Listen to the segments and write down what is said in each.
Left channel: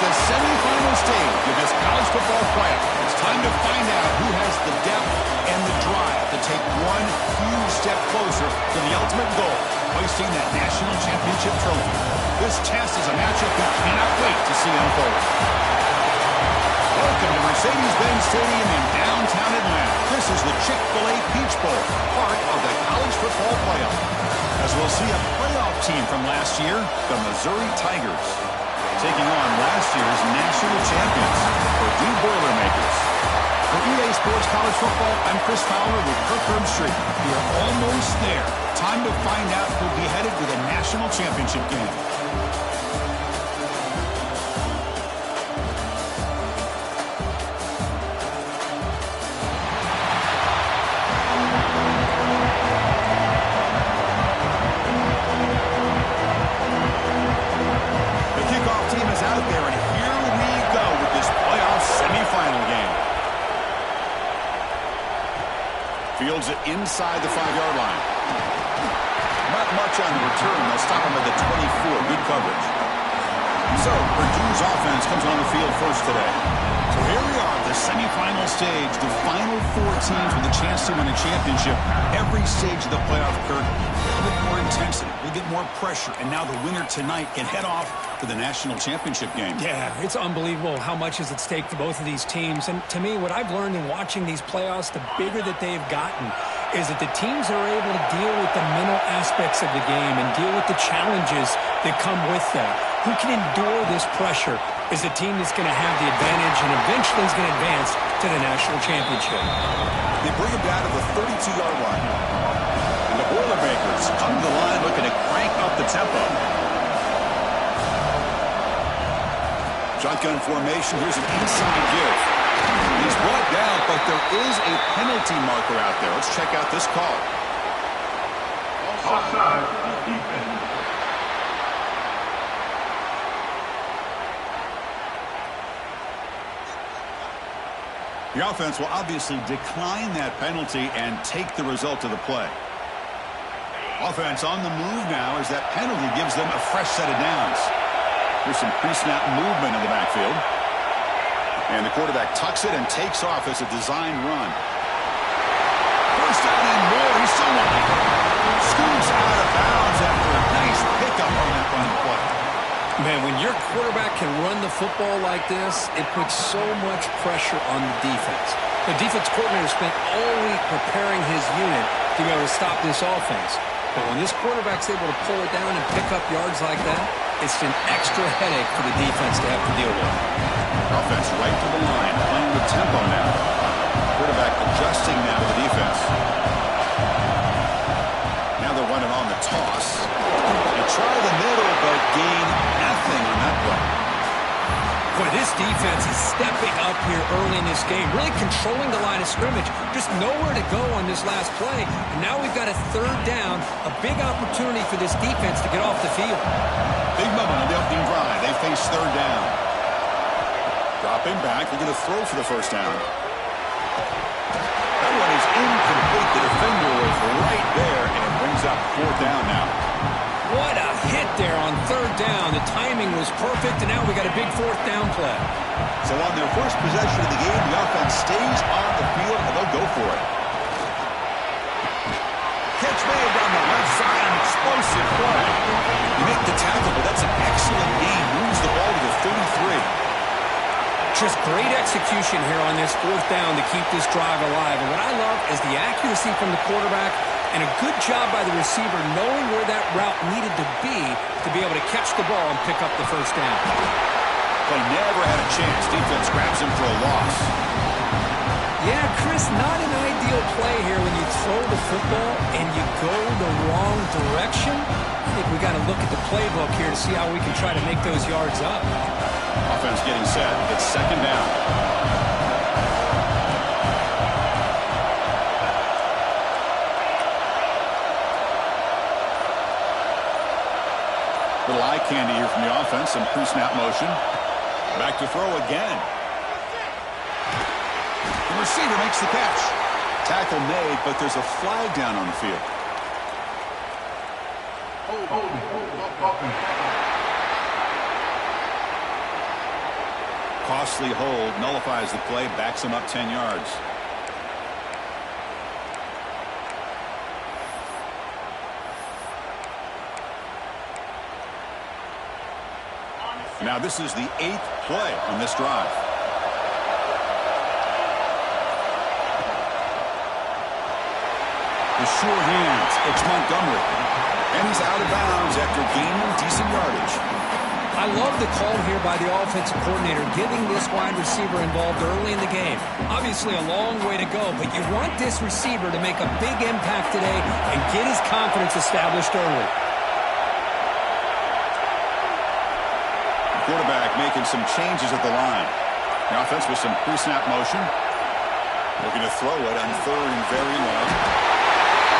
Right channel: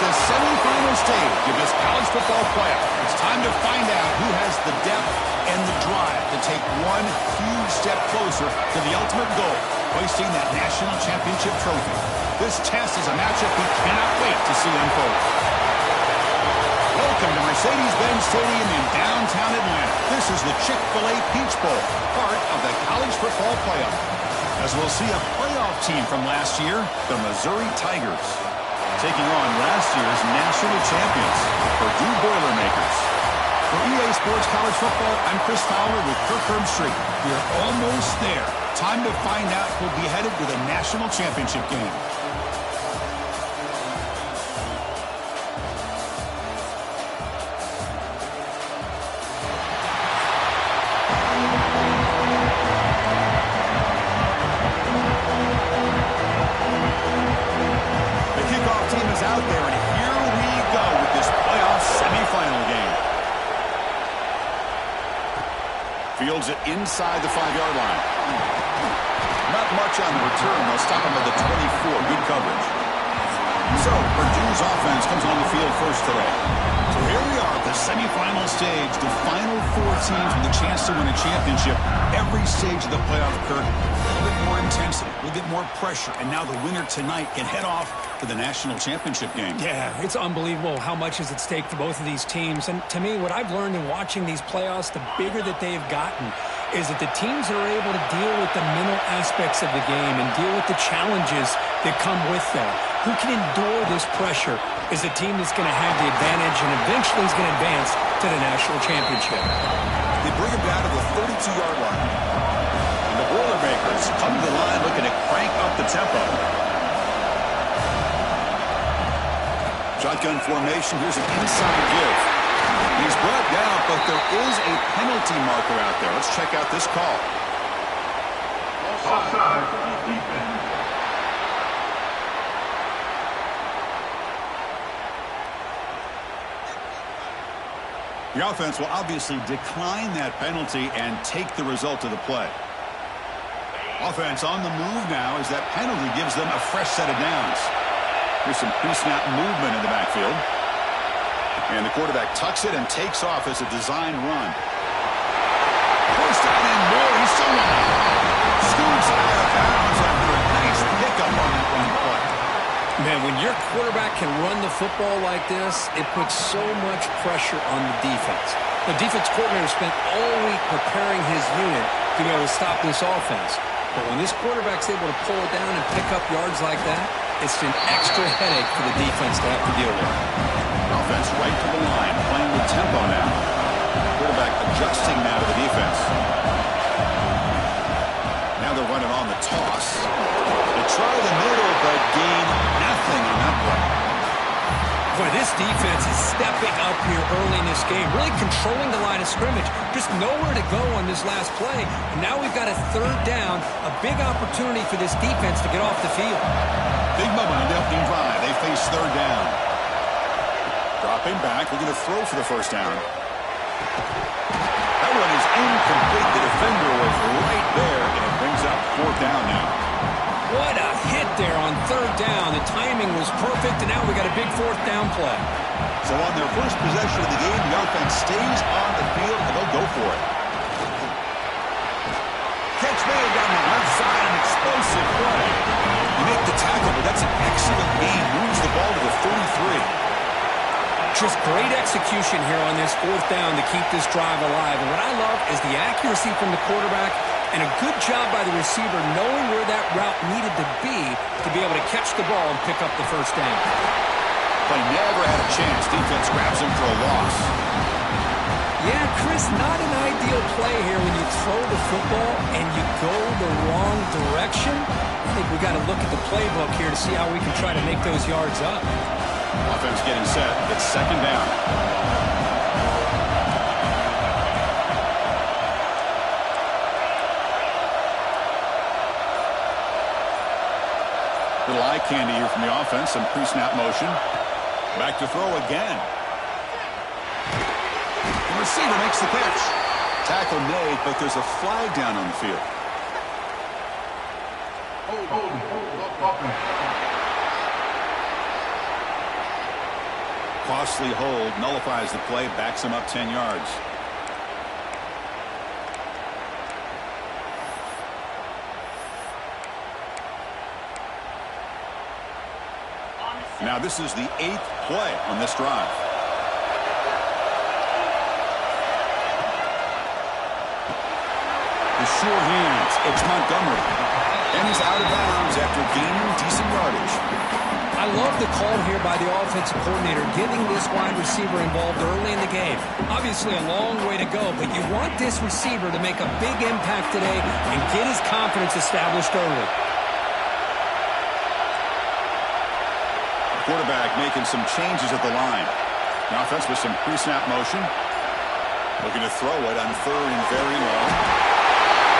the semifinal stage of this college football playoff. It's time to find out who has the depth and the drive to take one huge step closer to the ultimate goal, hoisting that national championship trophy. This test is a matchup we cannot wait to see unfold. Welcome to Mercedes-Benz Stadium in downtown Atlanta. This is the Chick-fil-A Peach Bowl, part of the college football playoff. As we'll see a playoff team from last year, the Missouri Tigers, taking on last year's national champions, Purdue Boilermakers. For EA Sports College Football, I'm Chris Fowler with Kirk Herbstreit. We are almost there. Time to find out who'll be headed to the national championship game. Out there, and here we go with this playoff semifinal game. Fields it inside the 5-yard line. Not much on the return. They'll stop him at the 24. Good coverage. So, Purdue's offense comes on the field first today. So here we are at the semifinal stage, the final 4 teams with a chance to win a championship. Every stage of the playoff, Kirk, a little bit more intensity, a little bit more pressure, and now the winner tonight can head off to the national championship game. Yeah, it's unbelievable how much is at stake for both of these teams. And to me, what I've learned in watching these playoffs, the bigger that they've gotten, is that the teams that are able to deal with the mental aspects of the game and deal with the challenges that come with that. Who can endure this pressure is a team that's going to have the advantage and eventually is going to advance to the national championship. They bring him down to the 32-yard line. And the Boilermakers come to the line looking to crank up the tempo. Shotgun formation. Here's an inside give. He's brought down, but there is a penalty marker out there. Let's check out this call. Offside, defense. The offense will obviously decline that penalty and take the result of the play. Offense on the move now as that penalty gives them a fresh set of downs. Here's some pre-snap movement in the backfield. And the quarterback tucks it and takes off as a design run. First down and more. He's still running. Scoots out of bounds after a nice pickup on that run play. Man, when your quarterback can run the football like this, it puts so much pressure on the defense. The defense coordinator spent all week preparing his unit to be able to stop this offense. But when this quarterback's able to pull it down and pick up yards like that, it's an extra headache for the defense to have to deal with. Offense right to the line, playing with tempo now. Quarterback adjusting now to the defense. Now they're running on the toss. They try the middle, but gain nothing on that play. Boy, this defense is stepping up here early in this game, really controlling the line of scrimmage. Just nowhere to go on this last play. And now we've got a 3rd down, a big opportunity for this defense to get off the field. Big moment on the opening drive. They face 3rd down. Dropping back, looking to throw for the 1st down. That one is incomplete. The defender was right there, and it brings up 4th down now. What a hit there on 3rd down. The timing was perfect, and now we got a big 4th down play. So on their first possession of the game, the offense stays on the field, and they'll go for it. Catch made down the left side, an explosive play. You make the tackle, but that's an excellent gain. Moves the ball to the 33. Just great execution here on this 4th down to keep this drive alive. And what I love is the accuracy from the quarterback and a good job by the receiver knowing where that route needed to be able to catch the ball and pick up the 1st down. Play never had a chance. Defense grabs him for a loss. Yeah, Chris, not an ideal play here when you throw the football and you go the wrong direction. I think we got to look at the playbook here to see how we can try to make those yards up. Offense getting set. It's 2nd down. Little eye candy here from the offense. Some pre-snap motion. Back to throw again. The receiver makes the catch. Tackle made, but there's a flag down on the field. costly hold nullifies the play, backs him up 10 yards. Now this is the 8th play on this drive. The sure hands, it's Montgomery. And he's out of bounds after gaining decent yardage. I love the call here by the offensive coordinator, getting this wide receiver involved early in the game. Obviously a long way to go, but you want this receiver to make a big impact today and get his confidence established early. The quarterback making some changes at the line. The offense with some pre-snap motion. Looking to throw it on 3rd and very long.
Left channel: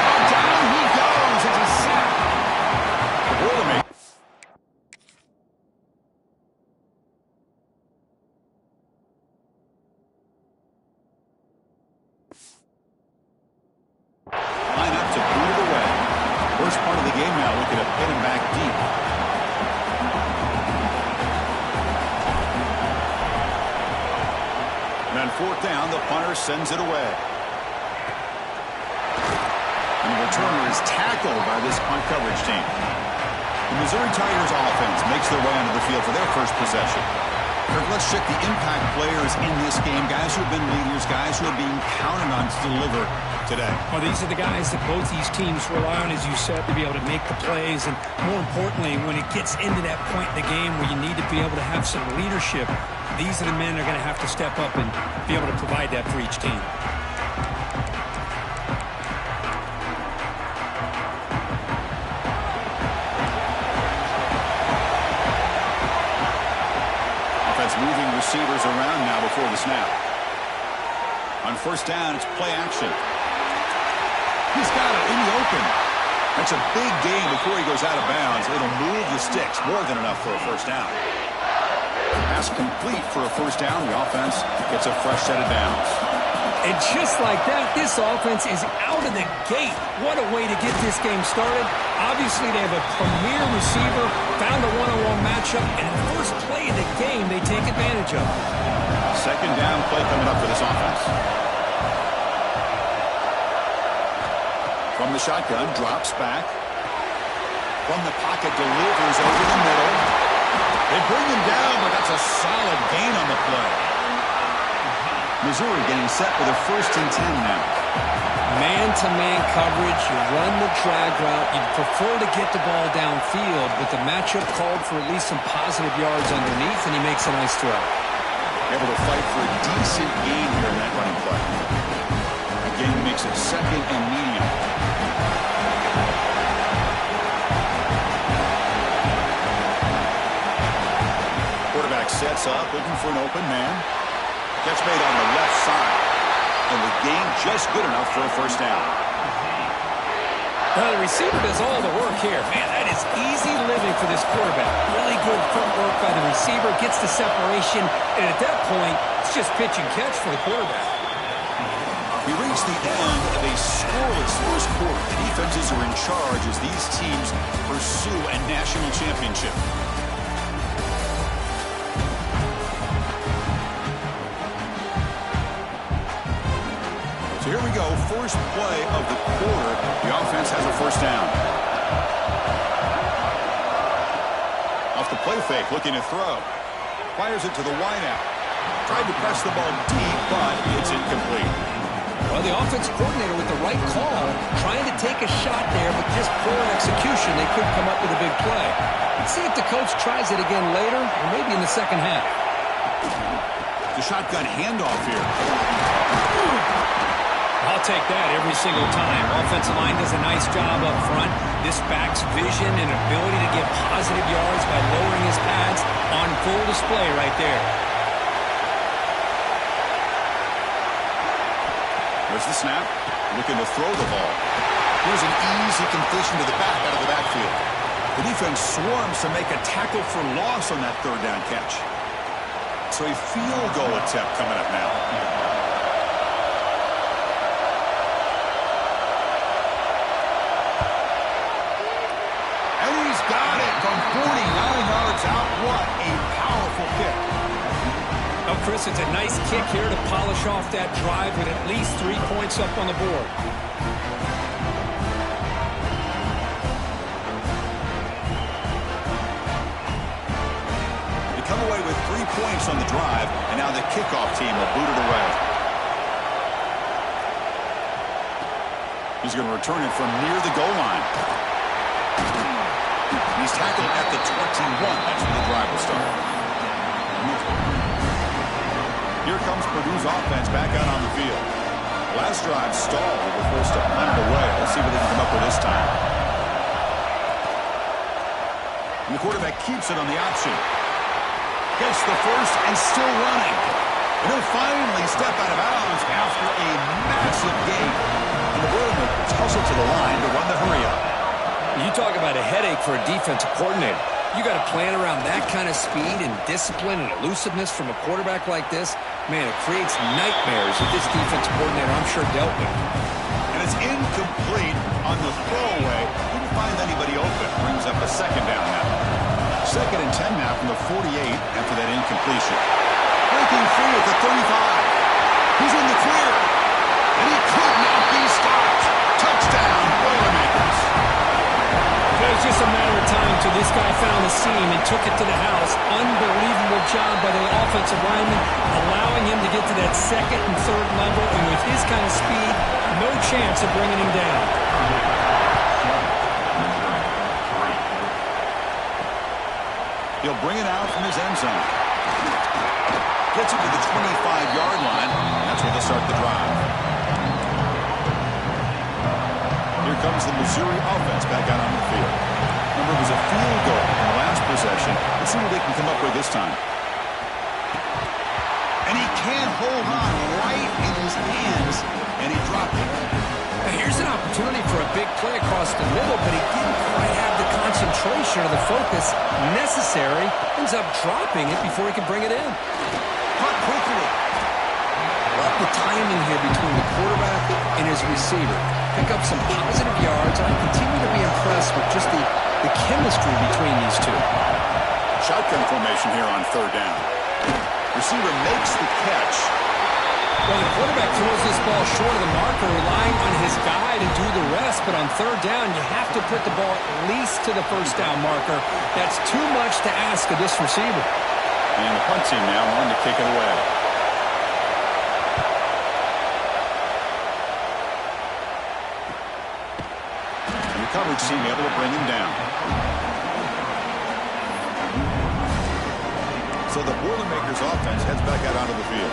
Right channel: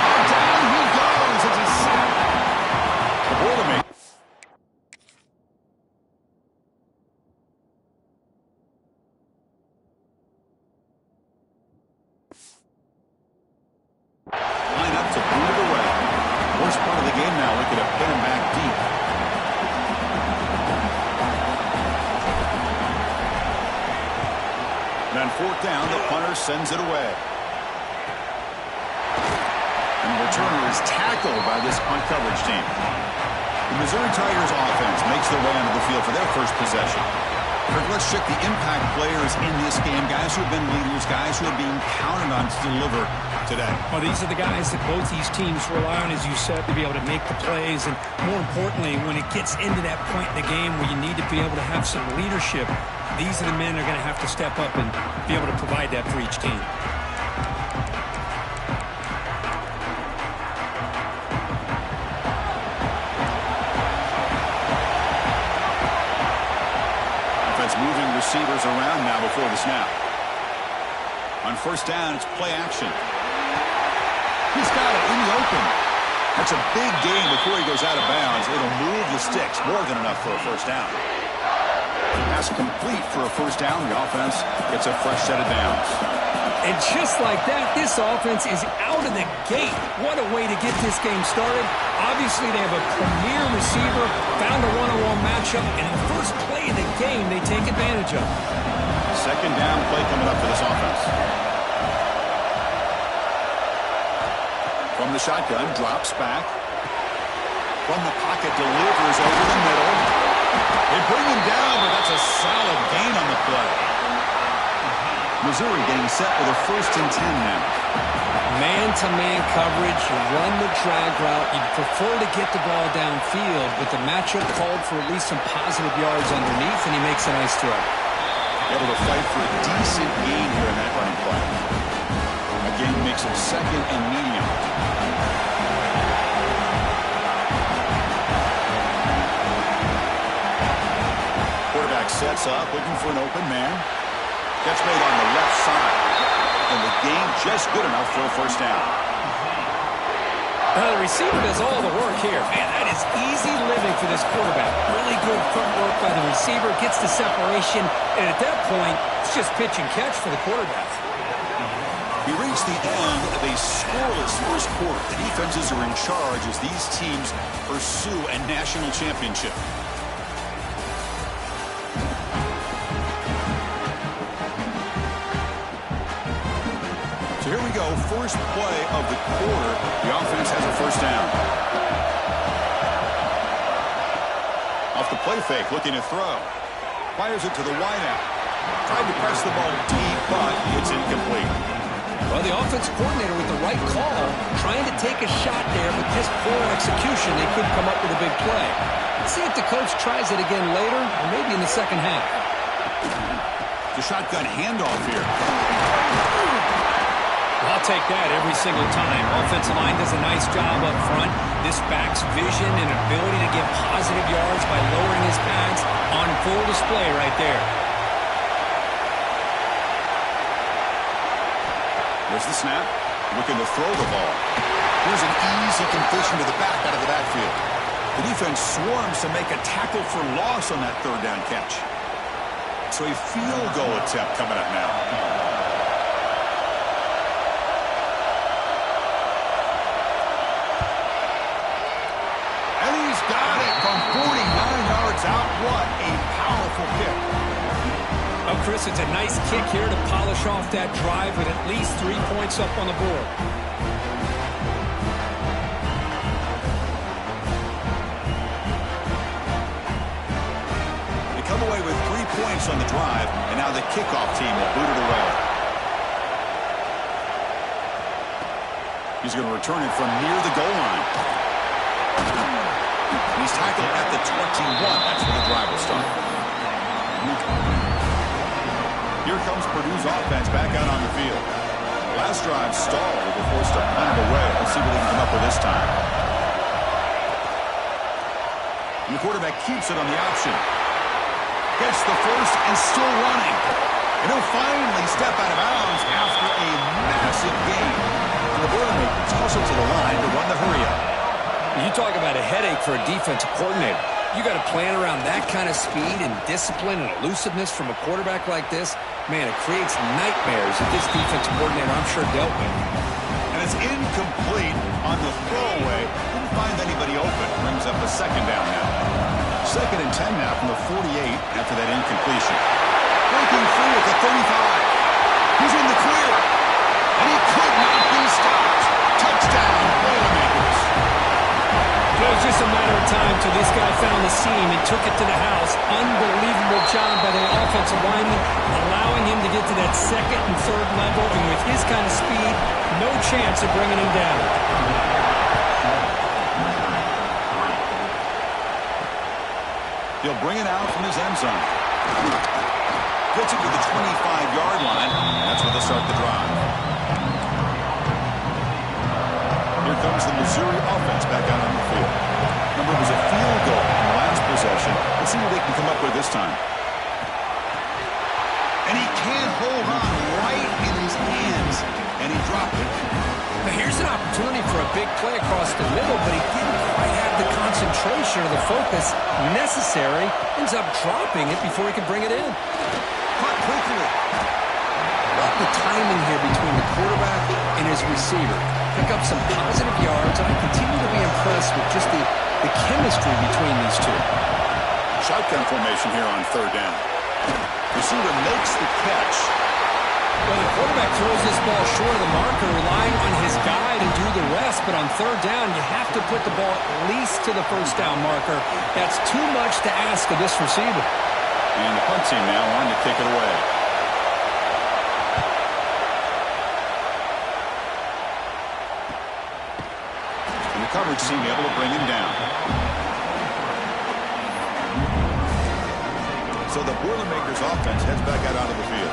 Oh, down he goes. It's a sack. The Boilermaker. Line up to boot it away. Worst part of the game now, looking to pin him back deep. And on 4th down, the punter sends it away. And the returner is tackled by this punt coverage team. The Missouri Tigers offense makes their way onto the field for their first possession. Let's check the impact players in this game, guys who have been leaders, guys who are being counted on to deliver today. Well, these are the guys that both these teams rely on, as you said, to be able to make the plays. And more importantly, when it gets into that point in the game where you need to be able to have some leadership, these are the men that are going to have to step up and be able to provide that for each team. Moving receivers around now before the snap. On 1st down, it's play action. He's got it in the open. That's a big gain before he goes out of bounds. It'll move the sticks, more than enough for a 1st down. Pass complete for a 1st down. The offense gets a fresh set of downs. And just like that, this offense is out of the gate. What a way to get this game started. Obviously, they have a premier receiver, found a one-on-one matchup, and in the first play of the game, they take advantage of it. 2nd down play coming up for this offense. From the shotgun, drops back. From the pocket, delivers over the middle. They bring him down, but that's a solid gain on the play. Missouri getting set with a 1st and 10 now. Man-to-man coverage, you run the drag route. You'd prefer to get the ball downfield, but the matchup called for at least some positive yards underneath, and he makes a nice throw. Able to fight for a decent gain here in that running play. Again, makes it 2nd and medium. Quarterback sets up, looking for an open man. Catch made on the left side. And the gain just good enough for a 1st down. The receiver does all the work here. Man, that is easy living for this quarterback. Really good footwork by the receiver. Gets the separation. And at that point, it's just pitch and catch for the quarterback. We reach the end of a scoreless first quarter. The defenses are in charge as these teams pursue a national championship. So here we go, first play of the quarter. The offense has a 1st down. Off the play fake, looking to throw. Fires it to the wideout. Tried to press the ball deep, but it's incomplete. Well, the offense coordinator with the right call, trying to take a shot there, but just poor execution. They couldn't come up with a big play. Let's see if the coach tries it again later, or maybe in the 2nd half. The shotgun handoff here. I'll take that every single time. Offensive line does a nice job up front. This back's vision and ability to get positive yards by lowering his pads on full display right there. There's the snap. Looking to throw the ball. Here's an easy completion to the back out of the backfield. The defense swarms to make a tackle for loss on that 3rd down catch. So a field goal attempt coming up now. And he's got it from 49 yards out. What a powerful kick. Oh, Chris, it's a nice kick here to polish off that drive with at least 3 points up on the board. They come away with 3 points on the drive, and now the kickoff team will boot it away. He's going to return it from near the goal line. He's tackled at the 21. That's where the drive will start. Here comes Purdue's offense back out on the field. Last drive stalled. They were forced to punt it away. Let's see what they can come up with this time. And the quarterback keeps it on the option. Gets the first and still running. And he'll finally step out of bounds after a massive gain. And the Boilermakers hustle to the line to run the hurry-up. You talk about a headache for a defensive coordinator. You got to plan around that kind of speed and discipline and elusiveness from a quarterback like this. Man, it creates nightmares that this defensive coordinator, I'm sure, dealt with. And it's incomplete on the throwaway. Didn't find anybody open. Brings up a second down now. 2nd and 10 now from the 48 after that incompletion. Breaking free at the 35. He's in the clear. And he could not be stopped. Touchdown, Boilermakers. It was just a matter of time till this guy found the seam and took it to the house. Unbelievable job by the offensive lineman, allowing him to get to that 2nd and 3rd level. And with his kind of speed, no chance of bringing him down. He'll bring it out from his end zone. Gets it to the 25-yard line. That's where they'll start the drive. Here comes the Missouri offense back out on the field. Remember, it was a field goal in the last possession. Let's see what they can come up with this time. And he can't hold on right in his hands, and he dropped it. Now here's an opportunity for a big play across the middle, but he didn't quite have the concentration or the focus necessary. Ends up dropping it before he can bring it in. Caught quickly. Love the timing here between the quarterback and his receiver. Pick up some positive yards, and I continue to be impressed with just the chemistry between these two. Shotgun formation here on 3rd down. Receiver makes the catch. Well, the quarterback throws this ball short of the marker, relying on his guy to do the rest. But on 3rd down, you have to put the ball at least to the 1st down marker. That's too much to ask of this receiver. And the punt team now on to kick it away. And the coverage team able to bring him down. So the Boilermakers offense heads back out onto the field.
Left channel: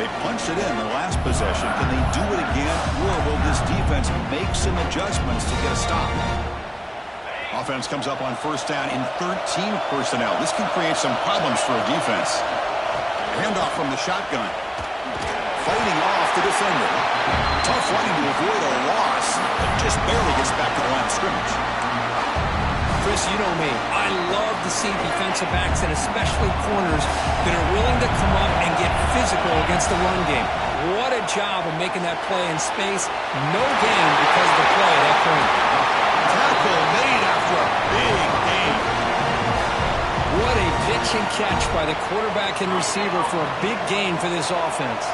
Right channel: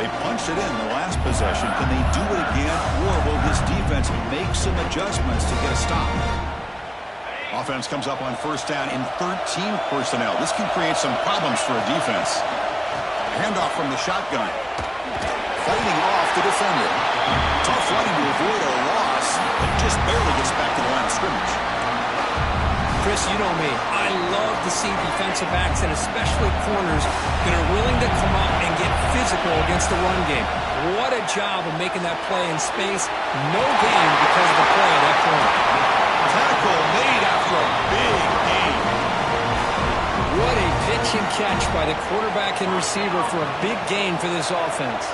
They punched it in the last possession. Can they do it again, or will this defense make some adjustments to get a stop? Offense comes up on 1st down in 13 personnel. This can create some problems for a defense. Handoff from the shotgun. Fighting off the defender. Tough running to avoid a loss, but just barely gets back to the line of scrimmage. Chris, you know me. I love to see defensive backs and especially corners that are willing to come up and get physical against the run game. What a job of making that play in space. No gain because of the play at that point. Tackle made after a big gain. What a pitch and catch by the quarterback and receiver for a big gain for this offense.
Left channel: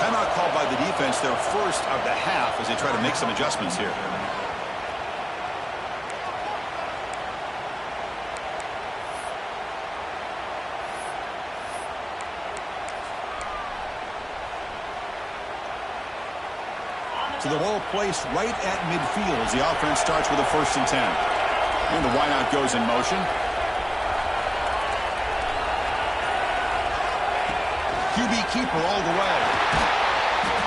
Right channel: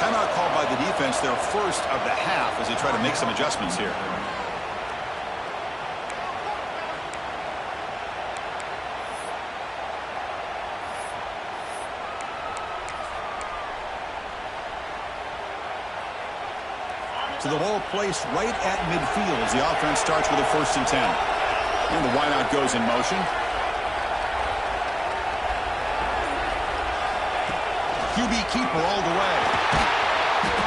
Timeout called by the defense, their first of the half, as they try to make some adjustments here. To the ball placed right at midfield as the offense starts with a 1st and 10. And the wideout goes in motion. QB keeper all the way.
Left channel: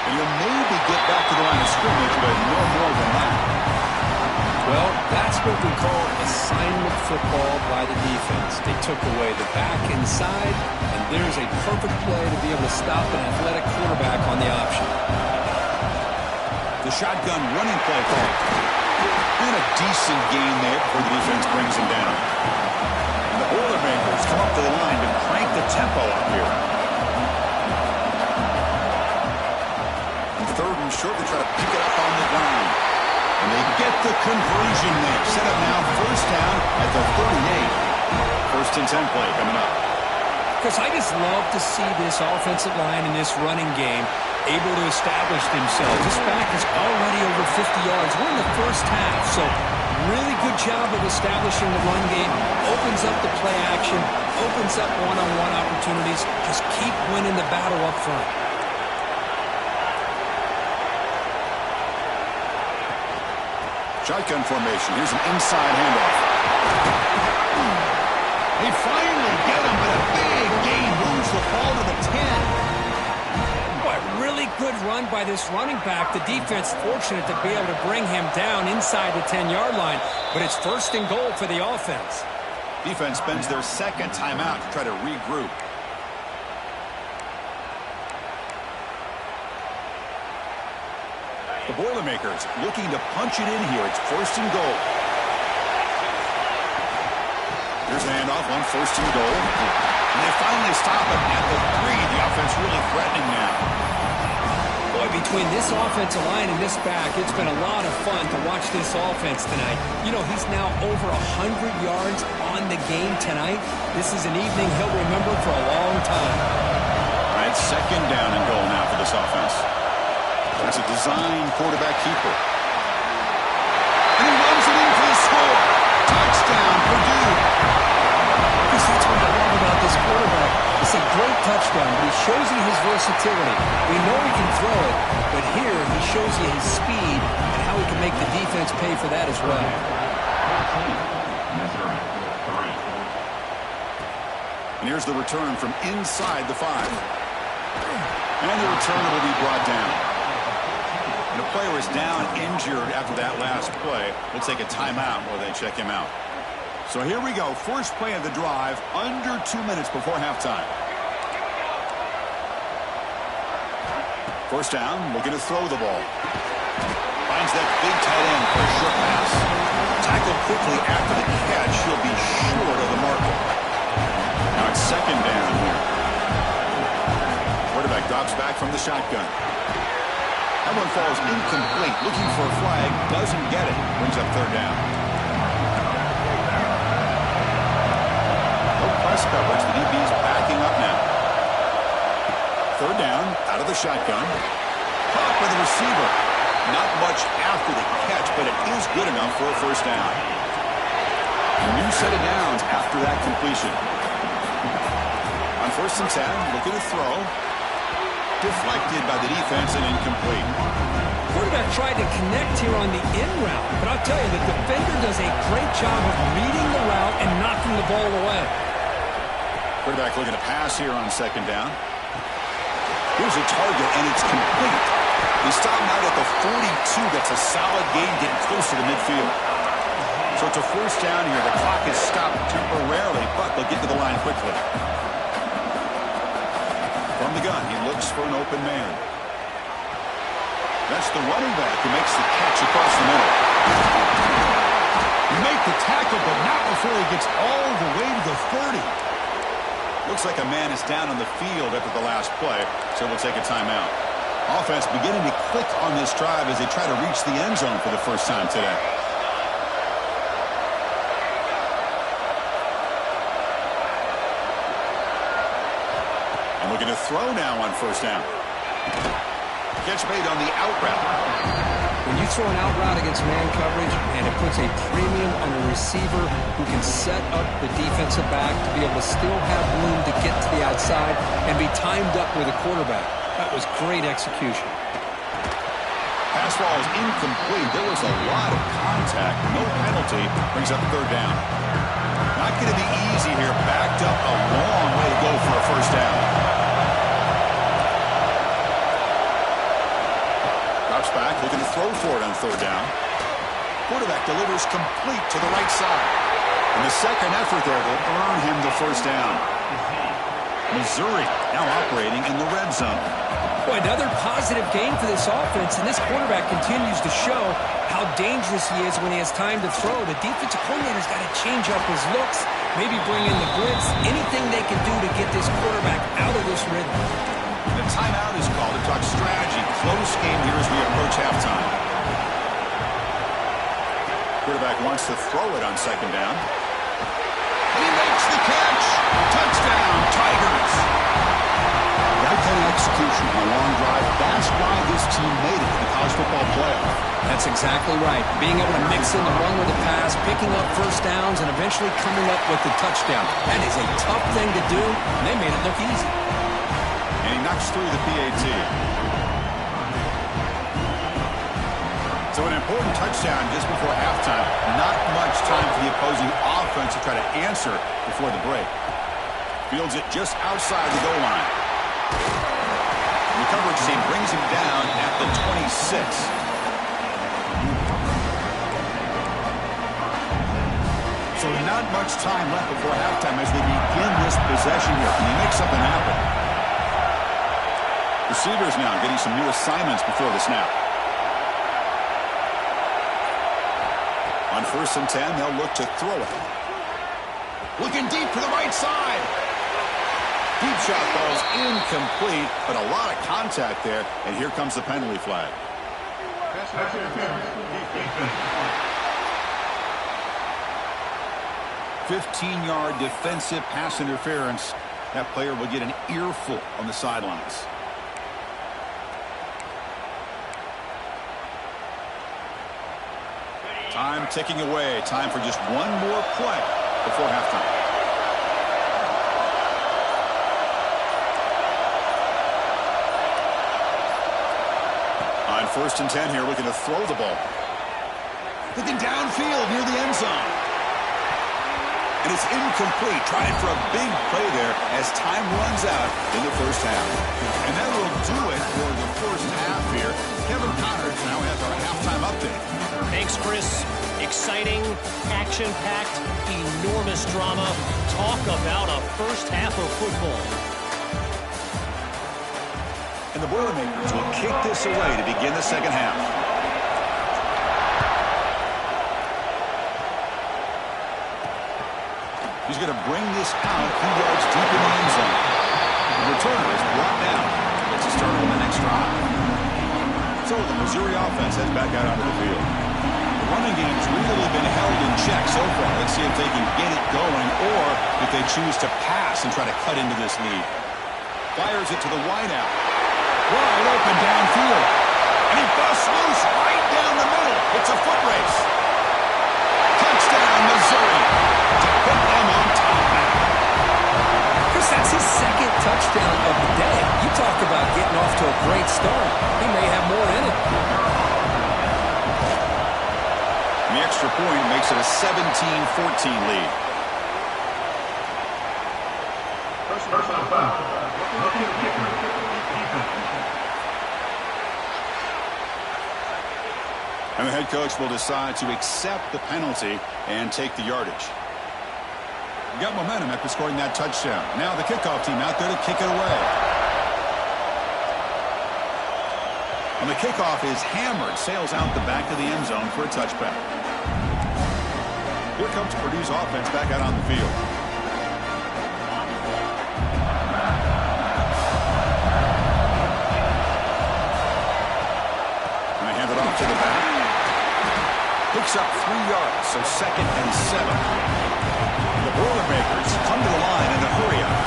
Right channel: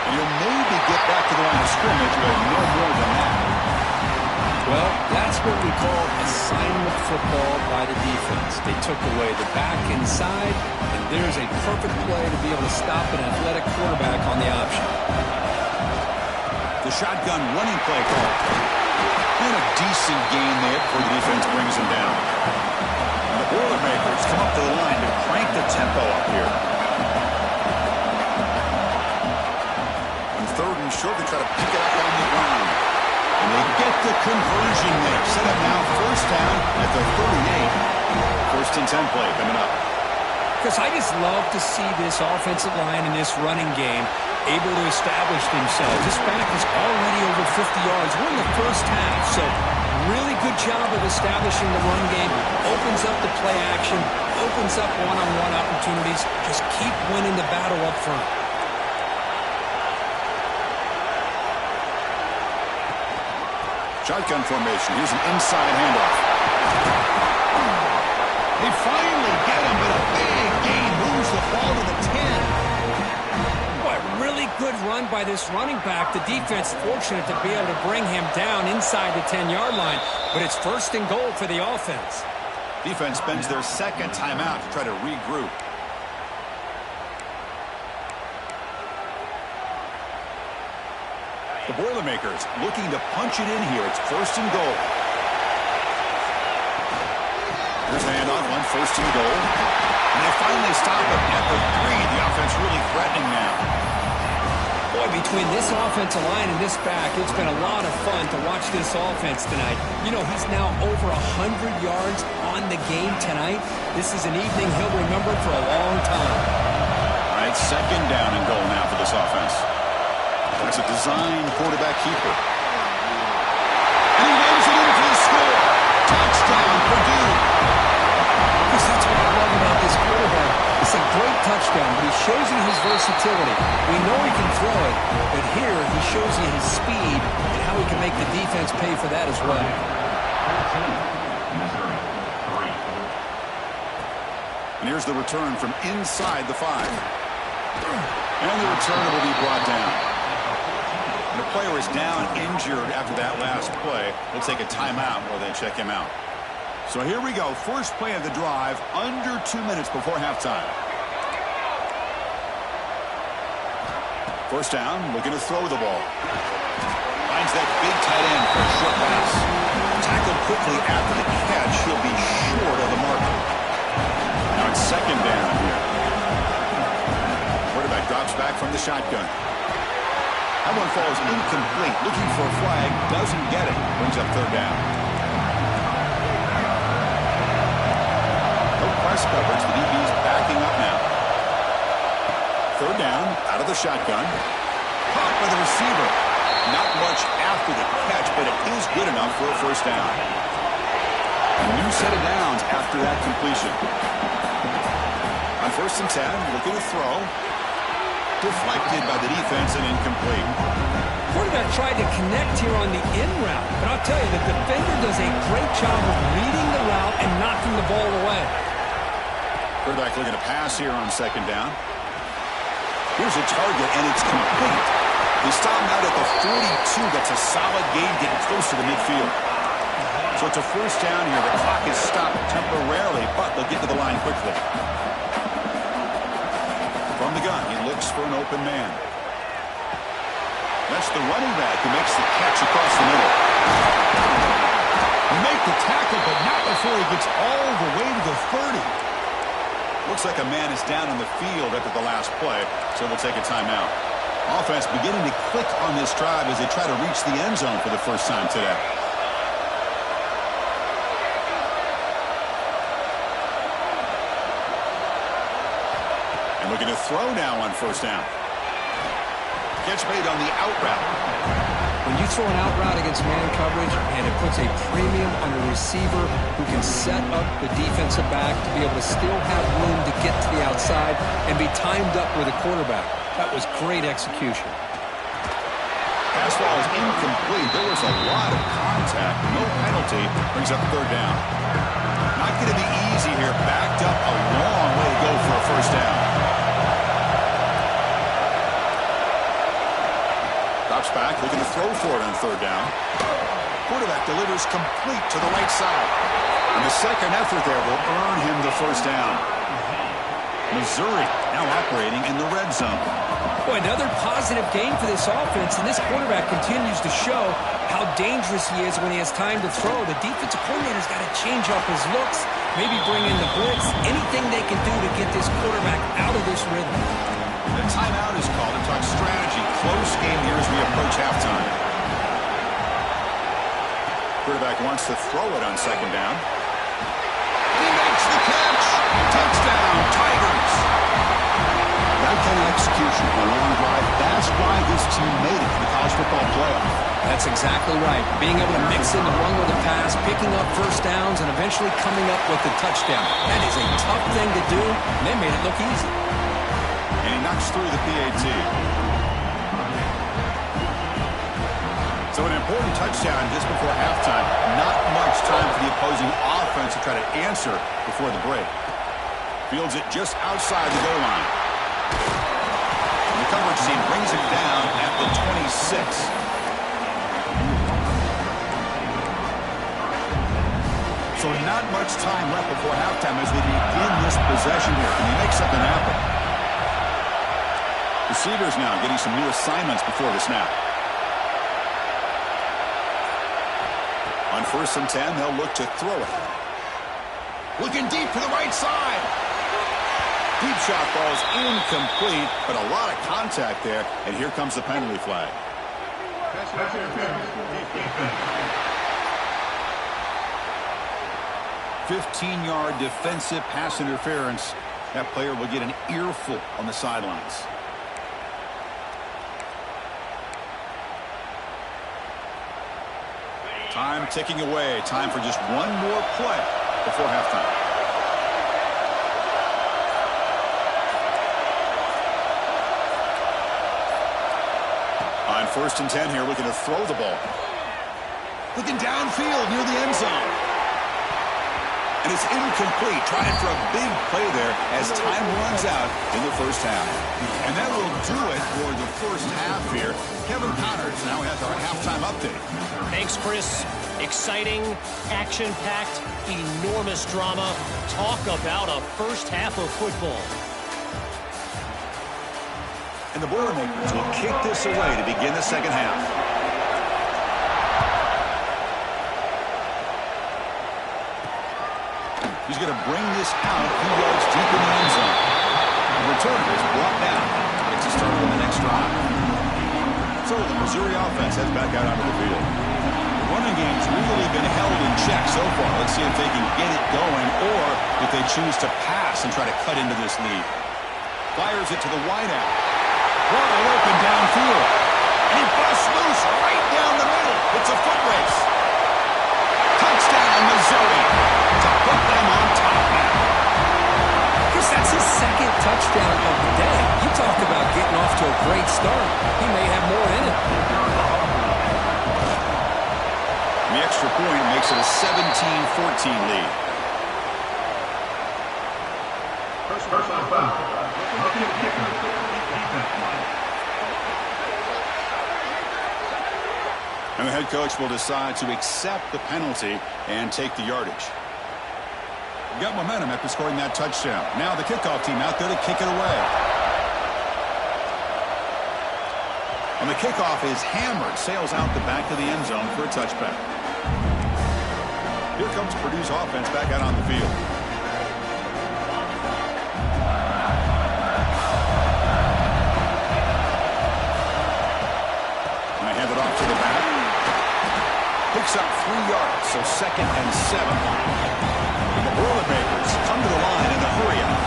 And he'll maybe get back to the line of scrimmage, but no more than that. Well, that's what we call assignment football by the defense. They took away the back inside, and there's a perfect play to be able to stop an athletic quarterback on the option. The shotgun running play call. And a decent gain there before the defense brings him down. And the Boilermakers come up to the line to crank the tempo up here. On 3rd and short, they try to pick it up on the ground. And they get the conversion there. Set up now 1st down at the 38. 1st and 10 play coming up. Marcus, I just love to see this offensive line and this running game able to establish themselves. This back is already over 50 yards. We're in the first half, so really good job of establishing the run game. Opens up the play action, opens up one-on-one opportunities. Just keep winning the battle up front. Shotgun formation. Here's an inside handoff. They finally get him, but a big gain moves the ball to the 10. Boy, really good run by this running back. The defense fortunate to be able to bring him down inside the 10-yard line, but it's first and goal for the offense. Defense spends their second timeout to try to regroup. The Boilermakers looking to punch it in here. It's first and goal. Here's a handoff on first and goal. And they finally stop it at the 3. The offense really threatening now. Boy, between this offensive line and this back, it's been a lot of fun to watch this offense tonight. You know, he's now over 100 yards on the game tonight. This is an evening he'll remember for a long time. All right, second down and goal now for this offense. That's a design quarterback keeper. And he runs it in for the score. Touchdown, Purdue. Because that's what I love about this quarterback. It's a great touchdown, but he shows you his versatility. We know he can throw it, but here he shows you his speed and how he can make the defense pay for that as well. And here's the return from inside the 5. And the return will be brought down. And a player is down injured after that last play. We'll take a timeout while they check him out. So here we go. First play of the drive, under 2 minutes before halftime. First down, looking to throw the ball. Finds that big tight end for a short pass. Tackled quickly after the catch. He'll be short of the marker. Now it's second down here. Quarterback drops back from the shotgun. That one falls incomplete. Looking for a flag. Doesn't get it. Brings up third down. No press coverage. The DB's backing up now. Third down. Out of the shotgun. Caught by the receiver. Not much after the catch, but it is good enough for a first down. A new set of downs after that completion. On first and 10, looking to throw. Deflected by the defense and incomplete. Quarterback tried to connect here on the in route, but I'll tell you, the defender does a great job of reading the route and knocking the ball away. Quarterback looking to pass here on second down. Here's a target, and it's complete. They stop him out at the 42. That's a solid gain, getting close to the midfield. So it's a first down here. The clock is stopped temporarily, but they'll get to the line quickly. From the gun, he looks for an open man. That's the running back who makes the catch across the middle. Make the tackle, but not before he gets all the way to the 30. Looks like a man is down on the field after the last play, so we'll take a timeout. Offense beginning to click on this drive as they try to reach the end zone for the first time today. And looking to throw now on first down. Catch made on the out route. When you throw an out route against man coverage, and it puts a premium on a receiver who can set up the defensive back to be able to still have room to get to the outside and be timed up with a quarterback. That was great execution. Pass ball is incomplete. There was a lot of contact. No penalty. Brings up third down. Not going to be easy here. Backed up a long way to go for a first down. Drops back, looking to throw for it on third down. Quarterback delivers complete to the right side. And the second effort there will earn him the first down. Missouri now operating in the red zone. Boy, another positive game for this offense, and this quarterback continues to show how dangerous he is when he has time to throw. The defensive coordinator's got to change up his looks, maybe bring in the blitz, anything they can do to get this quarterback out of this rhythm. The timeout is called to talk strategy. Close game here as we approach halftime. Quarterback wants to throw it on second down. And he makes the catch. Touchdown, Tigers! That kind of execution on a long drive, that's why this team made it to the college football playoff. That's exactly right. Being able to mix in the run with the pass, picking up first downs, and eventually coming up with the touchdown. That is a tough thing to do, and they made it look easy. And he knocks through the PAT. So an important touchdown just before halftime. Not much time for the opposing offense to try to answer before the break. Fields it just outside the goal line. And the coverage team brings him down at the 26. So not much time left before halftime as they begin this possession here. Can they make something happen? Receivers now getting some new assignments before the snap. On 1st and 10, they'll look to throw it. Looking deep to the right side. Deep shot ball's incomplete, but a lot of contact there, and here comes the penalty flag. 15-yard defensive pass interference. That player will get an earful on the sidelines. Time ticking away. Time for just one more play before halftime. On 1st and 10 here, looking to throw the ball. Looking downfield near the end zone. And it's incomplete. Trying for a big play there as time runs out in the first half. And that will do it for the first half here. Kevin Connors now has our halftime update. Thanks, Chris. Exciting, action-packed, enormous drama. Talk about a first half of football. And the Boilermakers will kick this away to begin the second half. He's going to bring this out a few yards deep in the end zone. The returner is brought down. Gets a start on the next drive. So the Missouri offense heads back out onto the field. The running game's really been held in check so far. Let's see if they can get it going or if they choose to pass and try to cut into this lead. Fires it to the wideout. Wide open downfield. And he busts loose right down the middle. It's a foot race. Touchdown, Missouri. To put them on top now. Chris, that's his second touchdown of the day. You talk about getting off to a great start. He may have more in it. The extra point makes it a 17-14 lead. Personal foul. Kicker. Defense. And the head coach will decide to accept the penalty and take the yardage. Got momentum after scoring that touchdown. Now the kickoff team out there to kick it away. And the kickoff is hammered. Sails out the back of the end zone for a touchback. Here comes Purdue's offense back out on the field. And they hand it off to the back. Picks up 3 yards, so 2nd and 7. The Boilermakers come to the line in a hurry-up.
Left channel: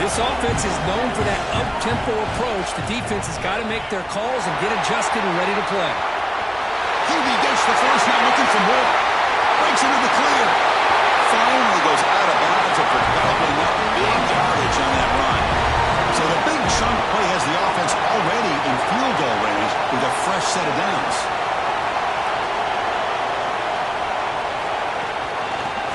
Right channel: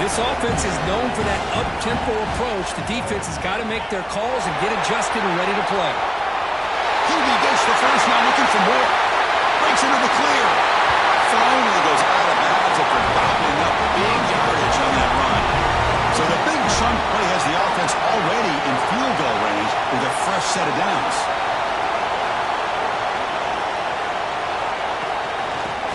This offense is known for that up-tempo approach. The defense has got to make their calls and get adjusted and ready to play. Hubie gets the first, now looking for more. Breaks into the clear. Finally goes out of bounds after gobbling up big yardage on that run. So the big chunk play has the offense already in field goal range with a fresh set of downs.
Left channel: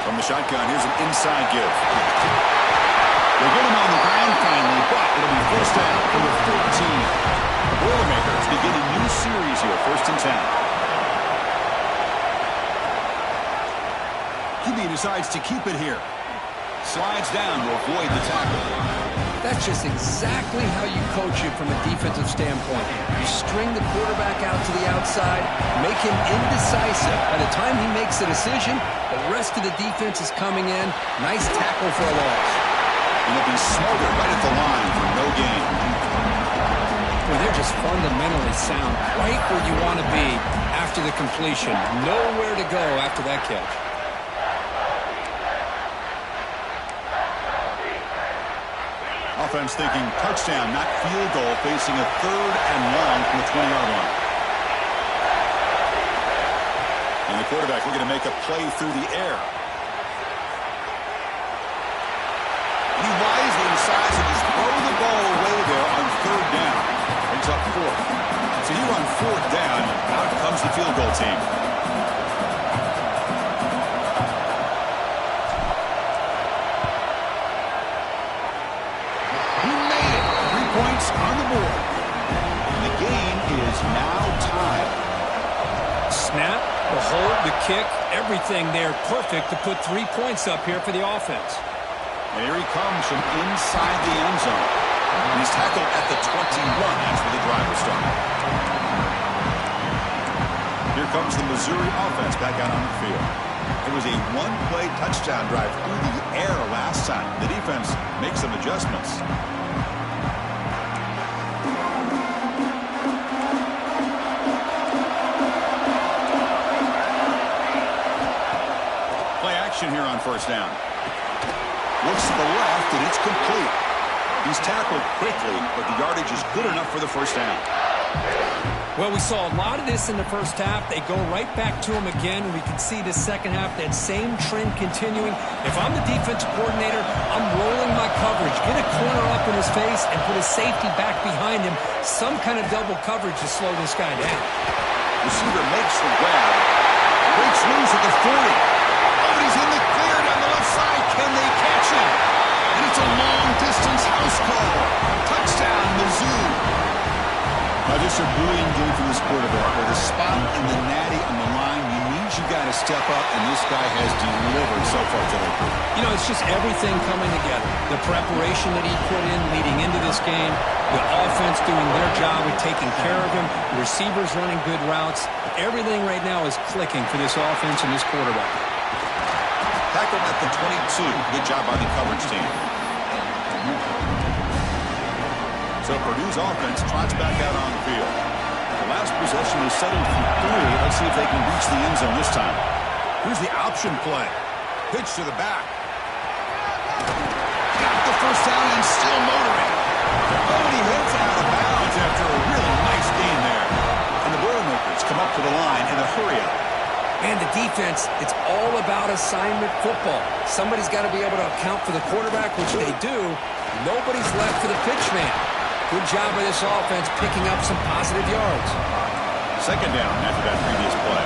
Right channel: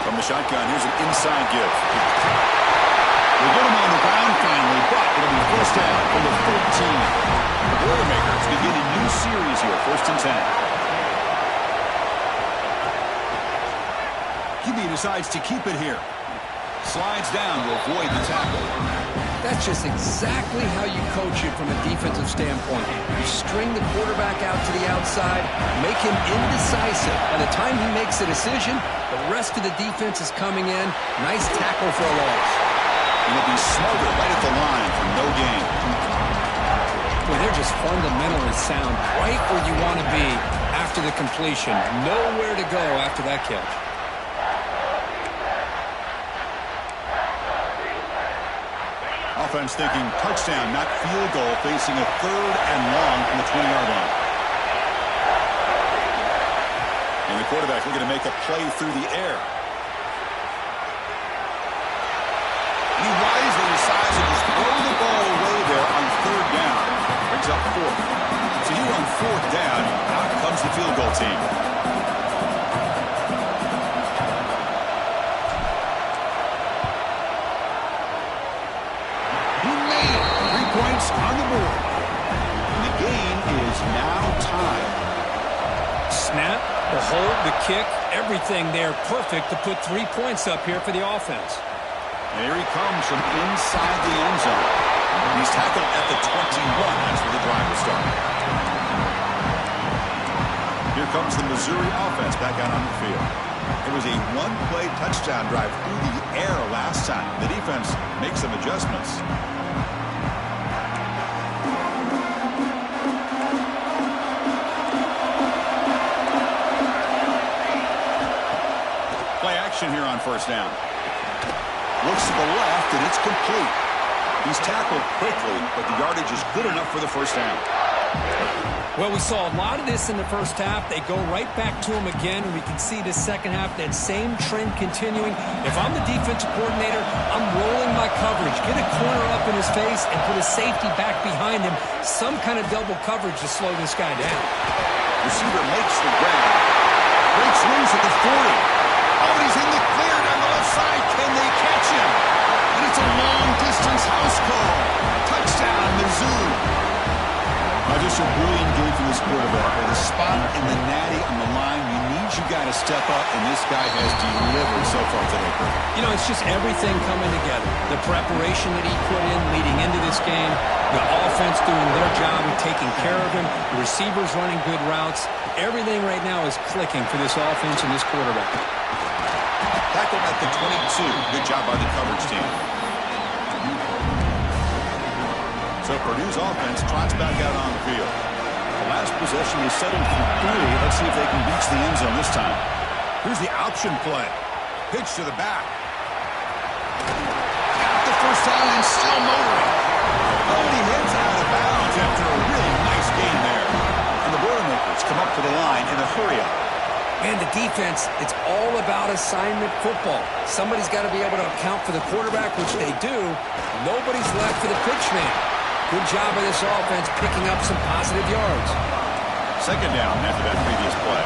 From the shotgun, here's an inside give. They get him on the ground finally, but it'll be first down from the 14. The Boilermakers begin a new series here, 1st and 10. QB decides to keep it here. Slides down to avoid the tackle. That's just exactly how you coach it from a defensive standpoint. You string the quarterback out to the outside, make him indecisive. By the time he makes a decision, the rest of the defense is coming in. Nice tackle for a loss. And he'll be smothered right at the line for no gain. Boy, they're just fundamentally sound, right where you want to be after the completion. Nowhere to go after that catch. Offense thinking touchdown, not field goal, facing a 3rd and long from the 20-yard line. And the quarterback looking to make a play through the air. And he wisely decides to just throw the ball away there on 3rd down. Brings up 4th. So here on 4th down, out comes the field goal team. He made it. 3 points on the board. And the game is now tied. Snap, the hold, the kick, everything there perfect to put 3 points up here for the offense. And here he comes from inside the end zone. He's tackled at the 21. That's where the drive will start. Here comes the Missouri offense back out on the field. It was a 1-play touchdown drive through the air last time. The defense makes some adjustments. Play action here on 1st down. Looks to the left, and it's complete. He's tackled quickly, but the yardage is good enough for the 1st down. Well, we saw a lot of this in the first half. They go right back to him again, and we can see the second half, that same trend continuing. If I'm the defensive coordinator, I'm rolling my coverage. Get a corner up in his face and put a safety back behind him. Some kind of double coverage to slow this guy down. Receiver makes the grab. Breaks loose at the 40. Oh, and he's in the clear down the left side. Can they catch him? And it's a long-distance house call. Touchdown, Mizzou. Just a brilliant game for this quarterback. With a spot in the natty on the line, you need your guy to step up, and this guy has delivered so far today. You know, it's just everything coming together. The preparation that he put in leading into this game, the offense doing their job with taking care of him, the receivers running good routes. Everything right now is clicking for this offense and this quarterback. Tackled at the 22. Good job by the coverage team. So Purdue's offense trots back out on the field. The last possession is settled for 3. Let's see if they can reach the end zone this time. Here's the option play. Pitch to the back. Got the 1st down and still motoring. Oh, and he heads out of bounds after a really nice gain there. And the Boilermakers come up to the line in a hurry-up. And the defense, it's all about assignment football. Somebody's got to be able to account for the quarterback, which they do. Nobody's left for the pitch man. Good job by this offense picking up some positive yards. 2nd down after that previous play.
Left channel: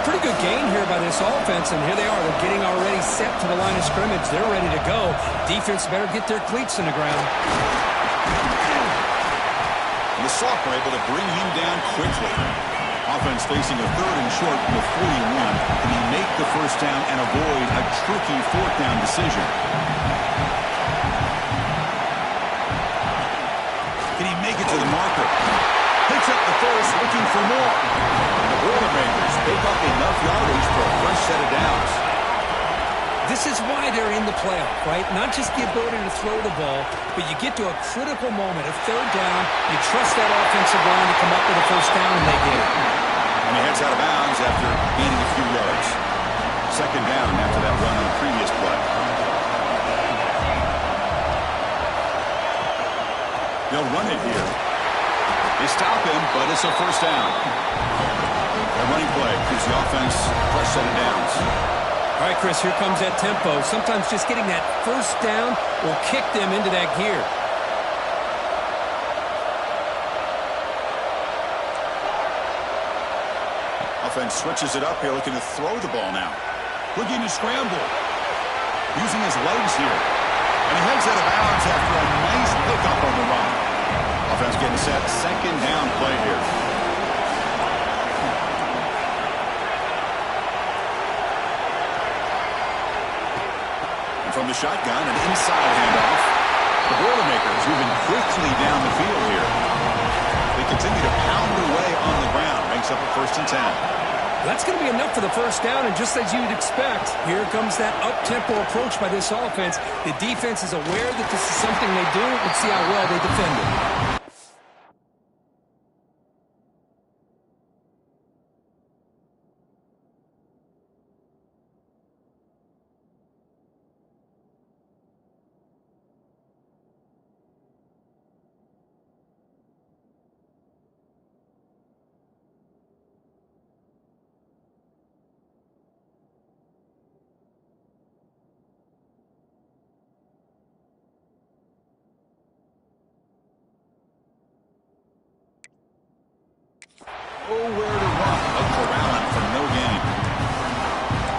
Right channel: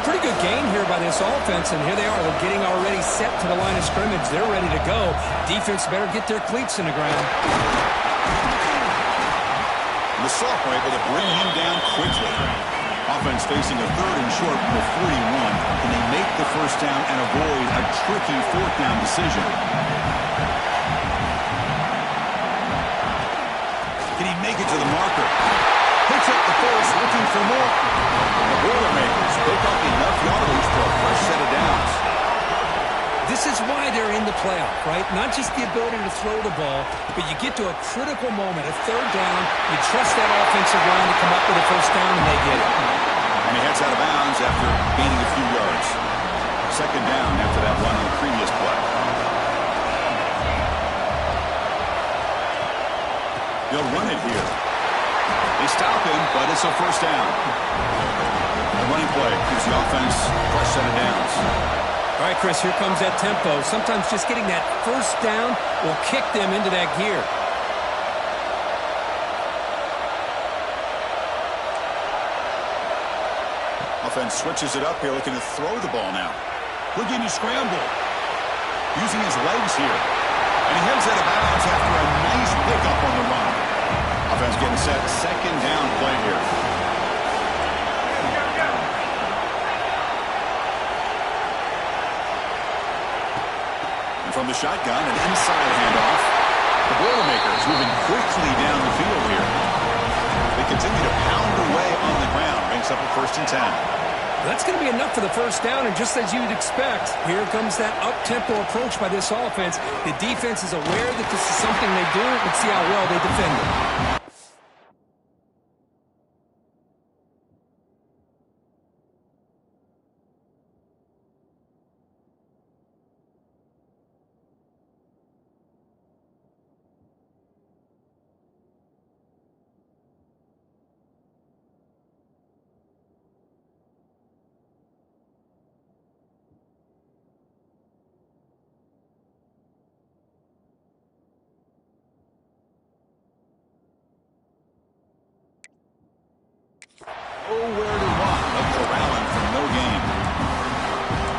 Pretty good gain here by this offense, and here they are. They're getting already set to the line of scrimmage. They're ready to go. Defense better get their cleats in the ground. And the Sophomore able to bring him down quickly. Offense facing a 3rd and short from the 41. Can they make the 1st down and avoid a tricky 4th down decision? Can he make it to the marker? Picks up the first, looking for more. The Boilermakers pick up enough yardage for a fresh set of downs. This is why they're in the playoff, right? Not just the ability to throw the ball, but you get to a critical moment, a 3rd down, you trust that offensive line to come up with a 1st down, and they get it. And he heads out of bounds after gaining a few yards. 2nd down after that run on the previous play. They'll run it here. They stop him, but it's a 1st down. A running play gives the offense a fresh set of downs. All right, Chris, here comes that tempo. Sometimes just getting that 1st down will kick them into that gear. Offense switches it up here, looking to throw the ball now. Looking to scramble. Using his legs here. And he heads out of bounds after a nice pickup on the run. Offense getting set. 2nd down play here. And from the shotgun, an inside handoff. The Boilermakers moving quickly down the field here. They continue to pound away on the ground. Banks up a 1st and 10. That's going to be enough for the 1st down, and just as you'd expect, here comes that up-tempo approach by this offense. The defense is aware that this is something they do. Let's see how well they defend it.